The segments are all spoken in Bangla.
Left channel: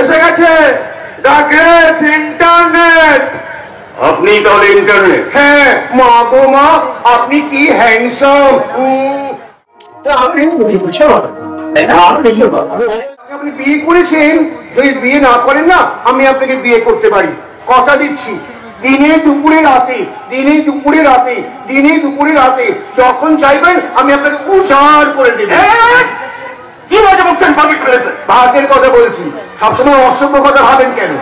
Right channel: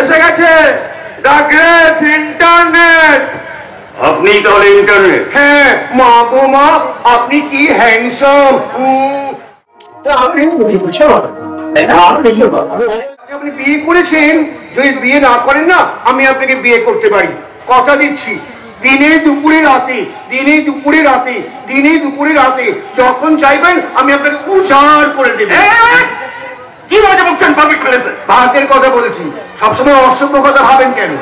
এসে গেছে দ্য গ্রেট ইন্টারনেট। আপনি তাহলে ইন্টারনেট? হ্যাঁ মা গো মা, আপনি কি হ্যান্ডসাম। আপনি বিয়ে করেছেন, যদি বিয়ে না করেন না আমি আপনাকে বিয়ে করতে পারি, কথা দিচ্ছি। দিনে দুপুরে রাতে, দিনে দুপুরে রাতে, দিনে দুপুরে রাতে যখন চাইবেন আমি আপনাকে উজাড় করে দেব। কি মজা বলছেন? ভাতের কথা বলছি, সবসময় অসভ্য কথা ভাবেন কেন?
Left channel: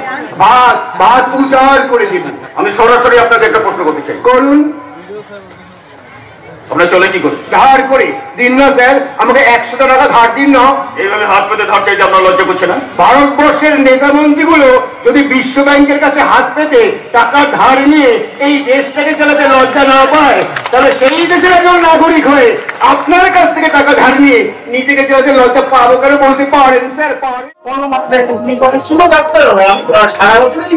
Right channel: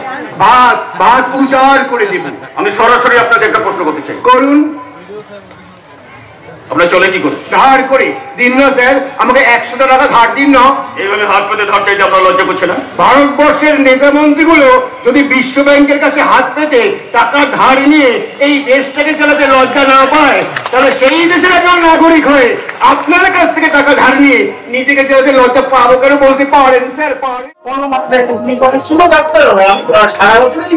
ভাত ভাত উজাড় করে দেব। আমি সরাসরি আপনাকে একটা প্রশ্ন করতে চাই। করুন। আমরা চলে কি করি? ধার করে দিন না স্যার, আমাকে 100 টাকা ধার দিন না। এইভাবে হাত পেতে ধার চাইতে আপনার লজ্জা করছে না? ভারতবর্ষের নেতা মন্ত্রীগুলো যদি বিশ্ব ব্যাংকের কাছে হাত পেতে টাকা ধার নিয়ে এই দেশটাকে চালাতে লজ্জা না পায়, তাহলে সেই দেশের একজন নাগরিক হয়ে আপনার কাছ থেকে টাকা ধার নিয়ে নিজেকে চালাতে লজ্জা পাবো কেন বলতে পারেন স্যার? পারেন। সারা বছরই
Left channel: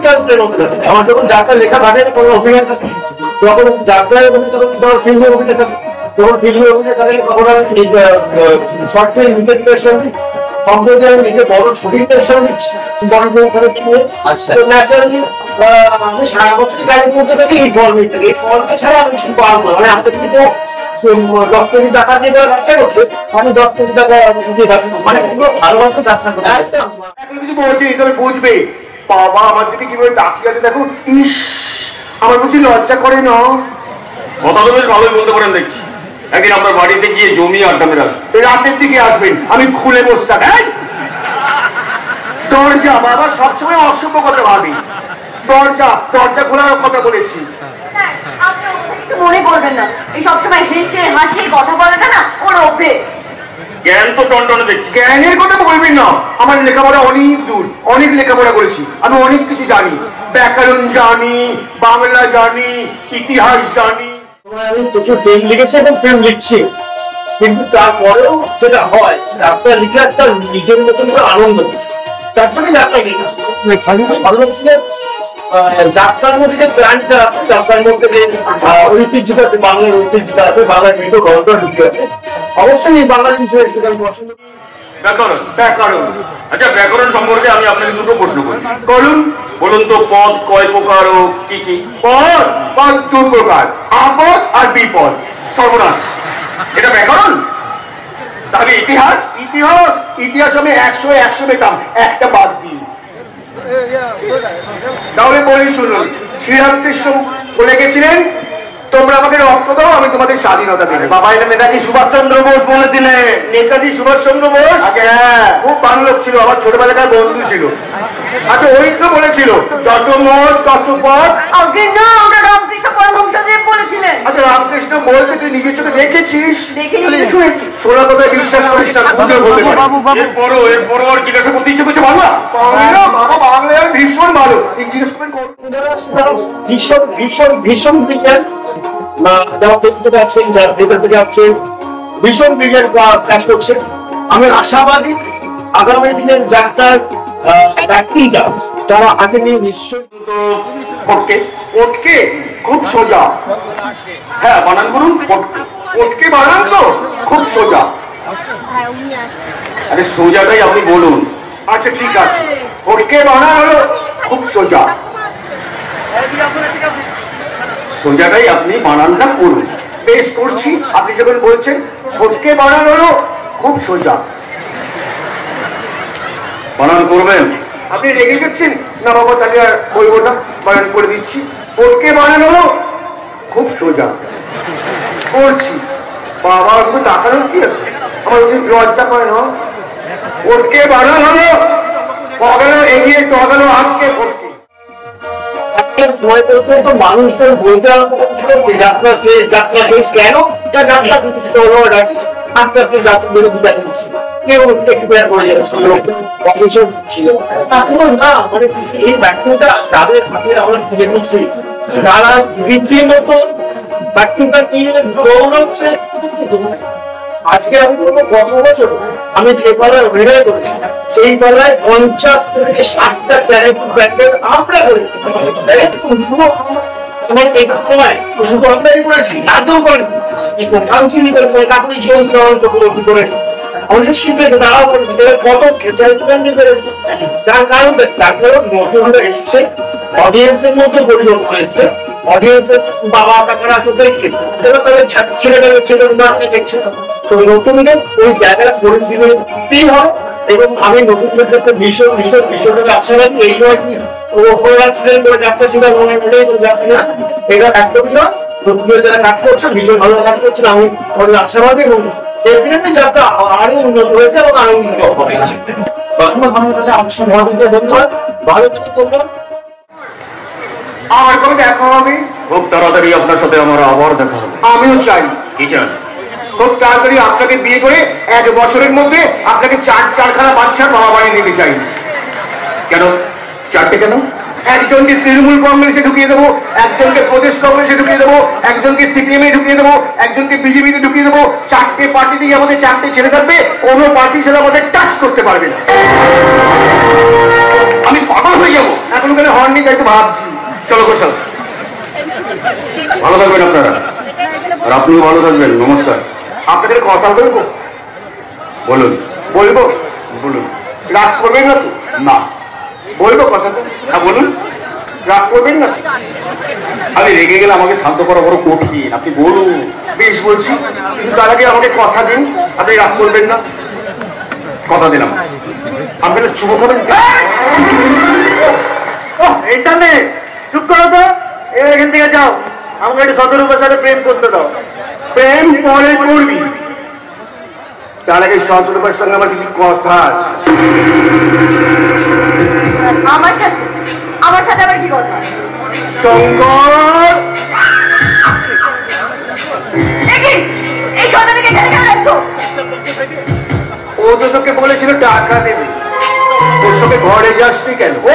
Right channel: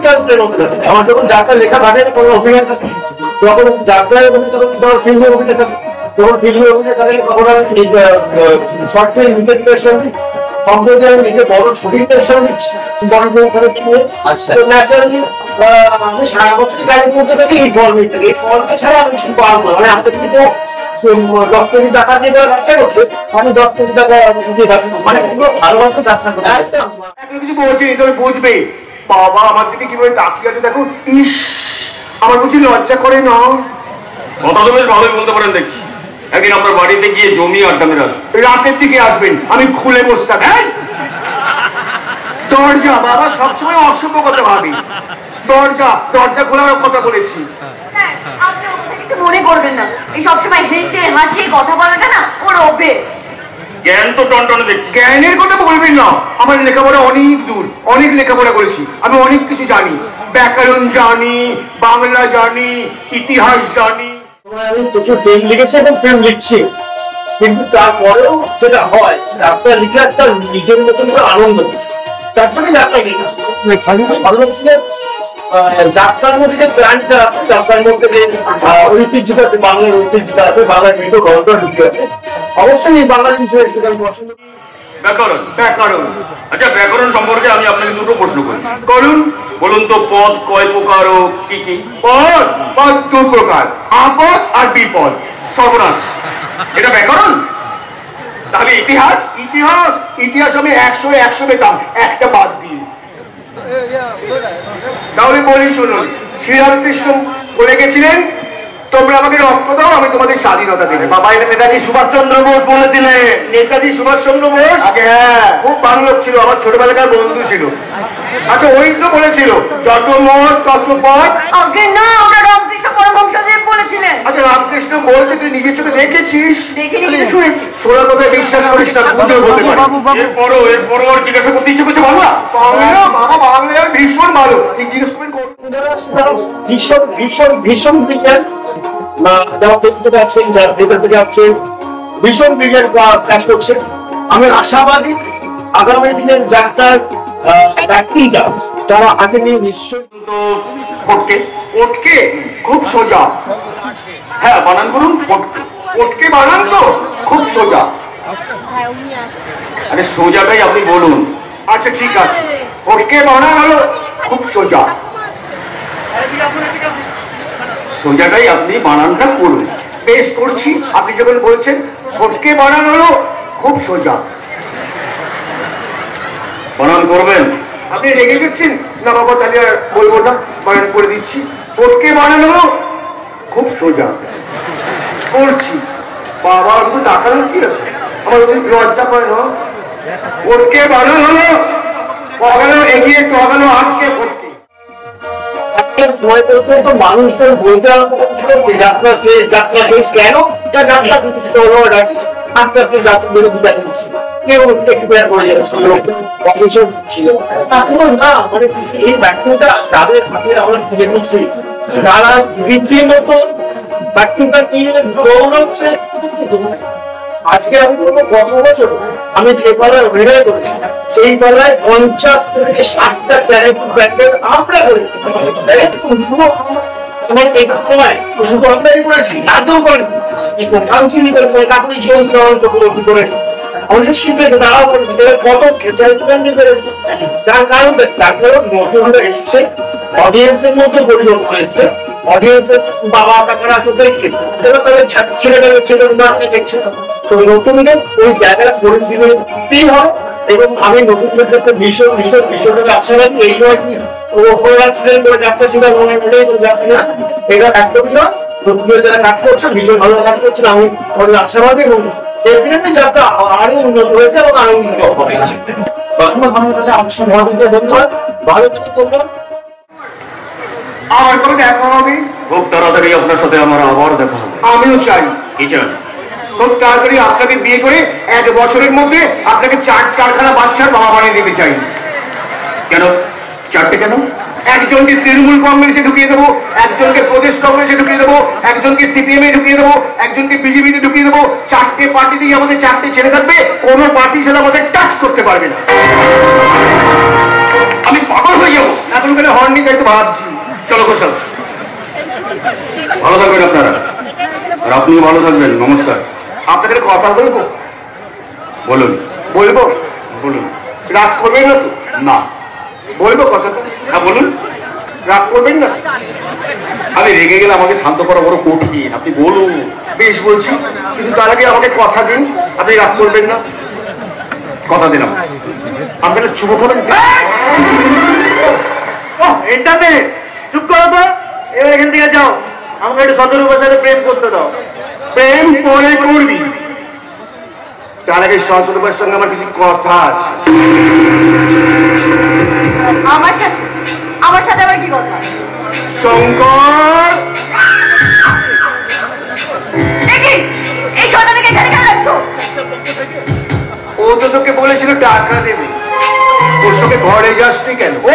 আমার যখন যাত্রা লেখা থাকে কোনো অভিনয় থাকে, যখন যাত্রায় ফিল্মের অভিনয় থাকে, যখন ফিল্মের অভিনয় থাকে তখন আমি শর্ট ফিল্ম ইন্টারপ্রিটেশন সম্প্রতি আমি নিজে বড় শুটিং পেশন বড় ন্যাচারালি আমি সারা বছরই কাজের মধ্যে থাকি। এই ফর্মেট থাকে, এই ফর্মেট ছাড়া আমি কিছু পারবো না। মানে আমাদের কিন্তু 10 কোটি টাকা দিয়ে ব্যবসা করছে, আমি 10 কোটি টাকা দিয়ে থাকি, মানে পুরো ভালোবাসা যাত্রা করতে বুঝবে। বাবা আমার দিকে কিভাবে তাকিয়ে আছে দেখো, ইস আমার বুঝি লজ্জা করে না? কথা তো বেশ ভালোই বলতে পারেন দেখছি। একদিন আপনার বাড়িতে গিয়ে জমি আড্ডা মেরে আসবেন, রাতের দিকে আসবেন, আমি খুলে বসে থাকি। দরজা বাবা সবসময় অসভ্য কথা ভাবি। দরজা দরজা খোলার কথা বলেছি। মনে করবেন না, এই সবসময় হেসে হাসি কথা বলাটা না ওর অভ্যেস। জ্ঞান তো টনটনে দেখছি। জ্ঞানের কথা বলবেন না, আমার লেখাপড়া অনেক দূর, অনেক লেখাপড়া করেছি, আমি অনেক কিছু জানি। ব্যাকরণ জানি, বাংলা জানি, ইতিহাস জানি। আমি প্রচুর ফিল্ম লিখেছি এবং ফিল্ম লিখছি, কিন্তু তারপরেও যেটা হয় যাত্রা লিখে একটা নিজের মতন করে আনন্দ দিচ্ছে। তার জন্য যাত্রা লিখা ভালো লাগছে। যাত্রার মধ্যে যে প্ল্যানটা আছে, যাত্রার মধ্যে যে ঐতিহ্যটা আছে, বাংলার ঐতিহ্যটা আছে, বাংলার মৃত গল্পটা ঢুকে আছে, অবশ্যই বাংলা জিনিসের সেটা আমি পছন্দ করি। ব্যাকরণ, ব্যাকরণ। আচ্ছা ব্যাকরণ সম্পর্কে আমি আপনাকে দুটো প্রশ্ন করি। বলুন বলুন তো, পদ কয় প্রকার ও কি কি? পদ পদ 2 প্রকার, আপদ আর বিপদ। সর্বনাশ, এটা ব্যাকরণ। আগে ইতিহাস, ইতিহাস ইতিহাস আমি 100 পেতাম, একটা বাদ দিই। তাহলে বলেই শুনুন, শ্রীরামকৃষ্ণ বলে গেছিলেন তোমরা আমাকে রক্ত দাও, আমি তোমাদের স্বাধীনতা দেবে। বাবা এটা নেতাজি সুভাষচন্দ্র বোস বলেছিলেন। নেতাজি সুভাষচন্দ্র বোস খুব বাংলা ছিল, আমার ছোটবেলাকার বন্ধু ছিল। আচ্ছা ওই তো বলেছিল যত মত তত পথ। আচ্ছা রামকৃষ্ণ বলতে তুই নিজের চোখে দেখেছিস? সোনা তোকে বিশ্বাস করিস না। এরপর জিজ্ঞাসা করতে ইচ্ছে করছে বাংলা বাংলা ভীষণ ভালো। ভীষণ ভীষণ ভীষণ বিজ্ঞান যারা থেকে আসছেন, যারা ভেতর থেকে আসছেন, ভীষণ বিজ্ঞান কাজ করছে। আমি আশাবাদী আগামী দিনের যাত্রার ব্যক্তিটা তারা আগে নিয়ে নিশ্চয়ই খুব সোজা। হ্যাঁ বানান করুন, পটকে বানান তো খুব সোজা। আরে সোজাটাই আপনি বলুন। আচ্ছা ঠিক আছে, পটকে বানান হলো খুব সোজা, সোজাটাই আপনি বানানটা করুন। বেশ করছি, আপনি যখন বলছেন পটকে বানান হলো খুব সোজা, বানান করবেন। আপনি রেগে যাচ্ছেন না বাবা, তাহলে আর বলবো না, বানান করে দিচ্ছি। পটকে বানান হলো খুব সোজা, করছি। বাবা কিন্তু দেখানো কি আছে, আমার ওদের লজ্জা করে না। পটকে বানান হলো কখনো এগিয়ে কখনো আটকে পড়ছে। সময় পর্যন্ত মানুষের বলতে যাত্রা শেষ, যাত্রা শেষ কেন? যাত্রা আস্তে আস্তে যাত্রা বিরোধিতা করছে, কেউ এক্সপায়ার করে যাচ্ছে, অসুস্থ ছিল না। মানে এই ব্যক্তিটা যাদের হাতে আমরা তুলে নিচ্ছি, তারা রীতিমত ব্যক্তিটা নিয়ে দৌড়চ্ছে। আজকে আমি বলবো গত বছর আমি যে পাড়ায় অভিনয় করেছি, সেই পাড়ায় 50 থেকে 60টা চ্যারিটি ব্যান্ডের আমরা করেছি। আমার এই সময় শুধু আমরাই করেছি, তাতেও করেছি কাউন্সিলিং করে কাকুরি জীবন চক্রবর্তী করেছি। আমাদের শিখেছে তারাও কত তার কারণ ডাক্তারও নতুন এসছে, অডিয়েন্সের মধ্যে পরিবর্তন এসছে, অডিয়েন্সের বাবা কাকারা তো দেখছে, এবার তাদের ছেলেটা ছেলের দেখছে, তো নতুনদের ওই জায়গাটা পরিস্থিতি হয়। এবং আমি নতুনদের ক্ষেত্রে ভীষণ ভীষণ ভীষণভাবে আশা রাখি এই নয় কি ওরা ছিলেন বলে যাত্রা ছিল এটা একদমই না। নতুনদের যারা কাজ করছে ভীষণ ভালো কাজ করছেন, আমি অনেক আশাবাদী এবং ডেফিনেটলি যাত্রা আরো উন্নত হয়েছে এবং আরো উন্নত হবে। ধন্যবাদ, ভালো থেকে ধন্যবাদ। আমার কোনো দেখা হবে খুব তাড়াতাড়ি আপনার সাথে আমার আবার দেখা হবে। আমিও চাই কি চান? খুব তাড়াতাড়ি আপনাকে বিয়ে করে 1 বছরের মধ্যে আপনাকে 4খানা বাচ্চার বাবা বানিয়ে নিতে চাই। কেন 4টে কেন? একজনকে তৃণমূল কংগ্রেসে ঢুকিয়ে দেবো, একজনকে প্রদেশ কংগ্রেসে ঢুকিয়ে দেবো, একজনকে সিপিএম এ ঢুকিয়ে দেবো, একজনকে বিজেপিতে ঢুকিয়ে দেবো। 4টে পার্টি দিয়ে আমাদের 4টে ছেড়ে থাকবে, কোনো পার্টি ছেলে আমাদের টাচ করতে পারবে না। আমি পাগল হয়ে যাবো। এখন তাহলে হর্নি গাইতে ভাবছি। চলো গোসাল, ভালো থাকবেন আপনারা, আর আপনিও ভালো থাকবেন। নমস্কার। আপনাদের কথা বলবো? বলুন। বলবো? বলুন। রাগ করবেন না তো? না। বলবো কথাটা? হ্যাঁ বলুন। রাগ করবেন না? আমি রেগে গেলে আমাকে শান্ত করা বড় কঠিন, আপনি বলুন। বেশ বলছি, কিন্তু তার আগে আমাকে কথা দিন আপনি রাগ করবেন না। কথা দিলাম। আপনাকে শুভ করেন। ইন্টারনেট চুপ করো তো, এখান থেকে যাও। আমাকে একটু 17 বছরে প্রেম করতে দাও। প্রেম পরে করবি, তার আগে 17 সঙ্গে আমার কিছু কথা আছে। আমার সাথে আবার কি কথা? শঙ্কর, এই সন্তানকে এখানে কেন রাখছো? ও তো তোকে বলেছিল টাকা দেবে, ওর সঙ্গে ঘরে যাসনি কেন? ও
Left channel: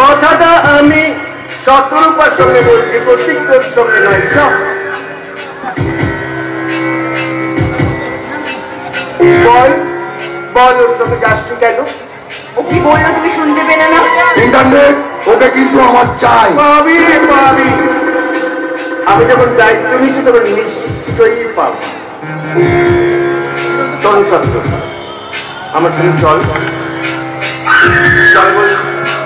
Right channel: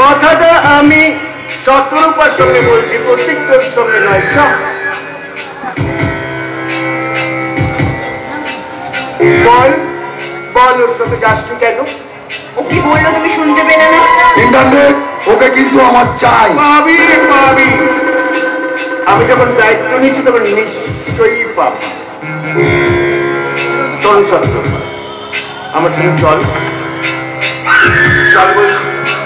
কথাটা আমি শতরূপার সঙ্গে বলছি, প্রত্যেক তোর সঙ্গে নয়। সব বল বল, ওর সঙ্গে যাসনি কেন? ও কি বললো তুমি শুনতে পেলে না? ইন্টারনেট, ওটা কিন্তু আমার চাই। পাবি রে পাবি, আমি যখন দায়িত্ব নিচ্ছি তখন নিশ্চয়ই পাবি। চলো সত্য, আমার সঙ্গে চল। চল বল।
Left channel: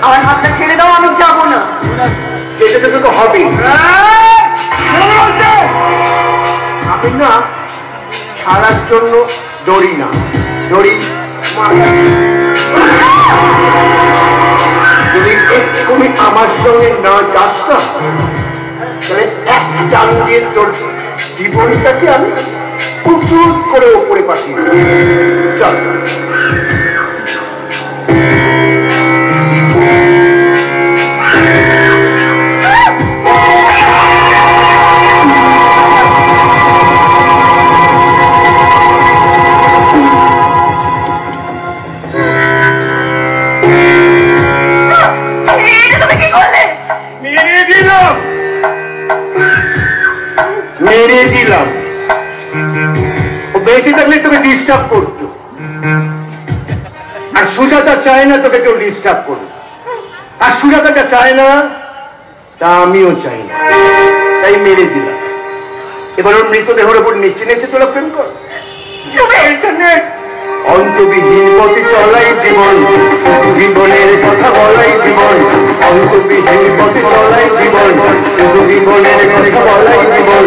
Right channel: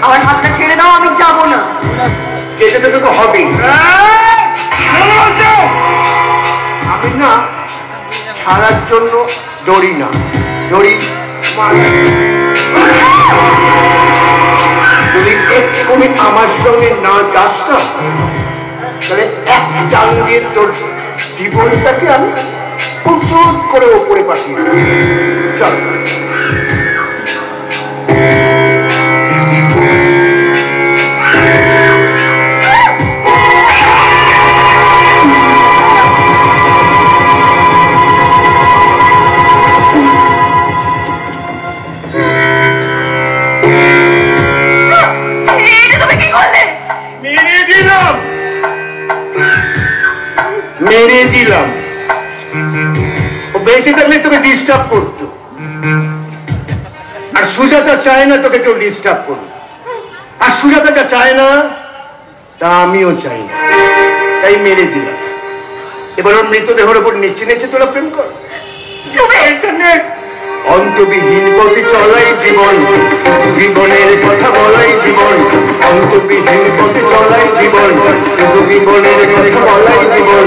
আমার হাতটা ছেড়ে দাও, আমি যাবো না। যেতে যেতে তো হবে। আমি না ছাড়ার জন্য দৌড়ি না, দৌড়ি যদি তুমি আমার সঙ্গে না যাস না, তাহলে এক চাঙ্গে তোর জীবনটাকে আমি প্রচুর করে ওপরে পাঠিয়ে দেব। চল। মেরে দিলাম। ও বেঁচে থাকলে তোকে ডিস্টার্ব করতো, আর সুজাতা চায় না তোকে কেউ ডিস্টার্ব করুক, আর সুজাতাটা চায় না, তা আমিও চাই না, তাই মেরে দিলাম। এবার ওর মৃতদেহের ওপর নিচে নিচে তোরা প্রেম কর। অন্তবিহীন পথে চলাই জীবন, জীবনের কথা বলাই জীবন। অন্তবিহীন পথে চলাই জীবন, জীবনের কথা বলাই জীবন।